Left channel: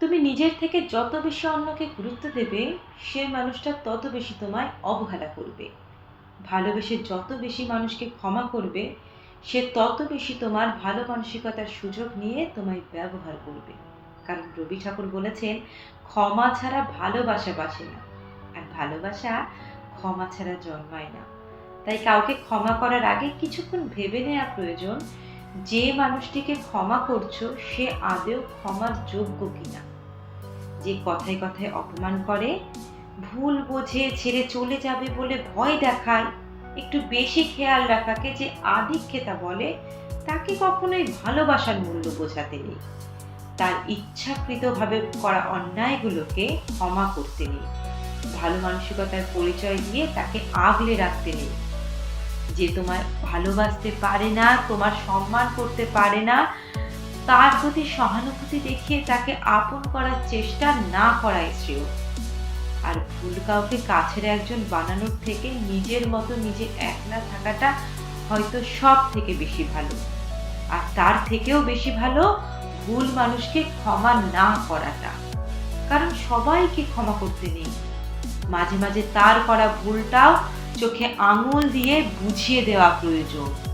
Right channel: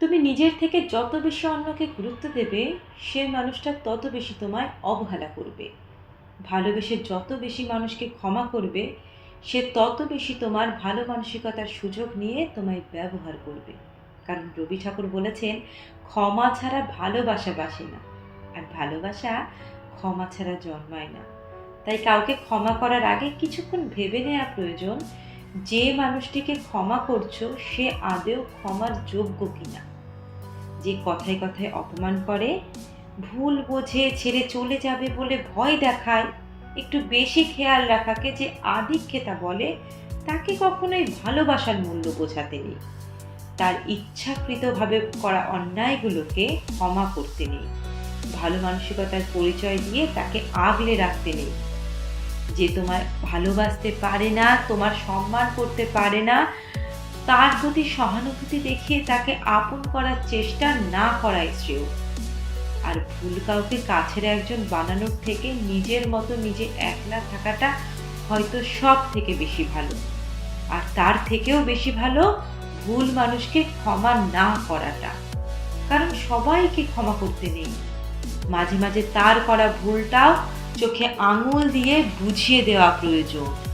তুমি নিজের থেকে যত বেশি অন্যকে গুরুত্ব দেবে, সে মানুষটা তত বেশি তোমায় অবহেলা করবে। ভালোবেসে যত বেশি মানুষকে ক্ষমা করবে, সে তত বেশি তোমার ভালো মানসিকতার সুযোগ নিয়ে তোমায় ব্যবহার করবে। কারণ রবি ঠাকুর বলেছেন, ক্ষমা ছাড়া ভালোবাসা বাসে না, আর ভালোবাসা ক্ষমা ছাড়া জন্মায় না। তাই কাউকে ক্ষমা করার আগে কিছুক্ষণ ভেবে নেওয়া প্রয়োজন যে মানুষটিকে ক্ষমা করছ, সে আদেও ক্ষমার যোগ্য কিনা? যে কথায় কথায় অপমান করে, ভুল বোঝে, ছেড়ে চলে যাবে বলে ভয় দেখায়, একটু বেশি খেয়াল রাখাকে যে আধিক্যতা বলে, তাকে কখনোই ভালোবাসার মূল্য বোঝাতে নেই। তার ইচ্ছাকৃতভাবে করা অন্যায়গুলোকে ক্ষমা করতে নেই। ভালো মানসিকতার পরিচয় দিয়ে তাকে আগলে রাখতে নেই। যে তোমার ভালোবাসতে পারে না, তোমার সম্মান করতে পারে না, তার প্রতি সহানুভূতি দেখিয়ে তাকে আপন করার চেষ্টা না করাই শ্রেয়। আর ভুল কাউকে কাছের একজন বানানোর থেকে নিজের মতো নিজে একলা থাকাটা হয়তো সব থেকে বেশি ভালো। আর তার থেকেও বেশি ভালো ভুল মানুষকে ক্ষমা না করাটা। কারণ সবাইকে ক্ষমা করতে নেই। মাঝে মাঝে তার করা ভুলটাও চোখে আঙুল দিয়ে বুঝিয়ে দেওয়া প্রয়োজন।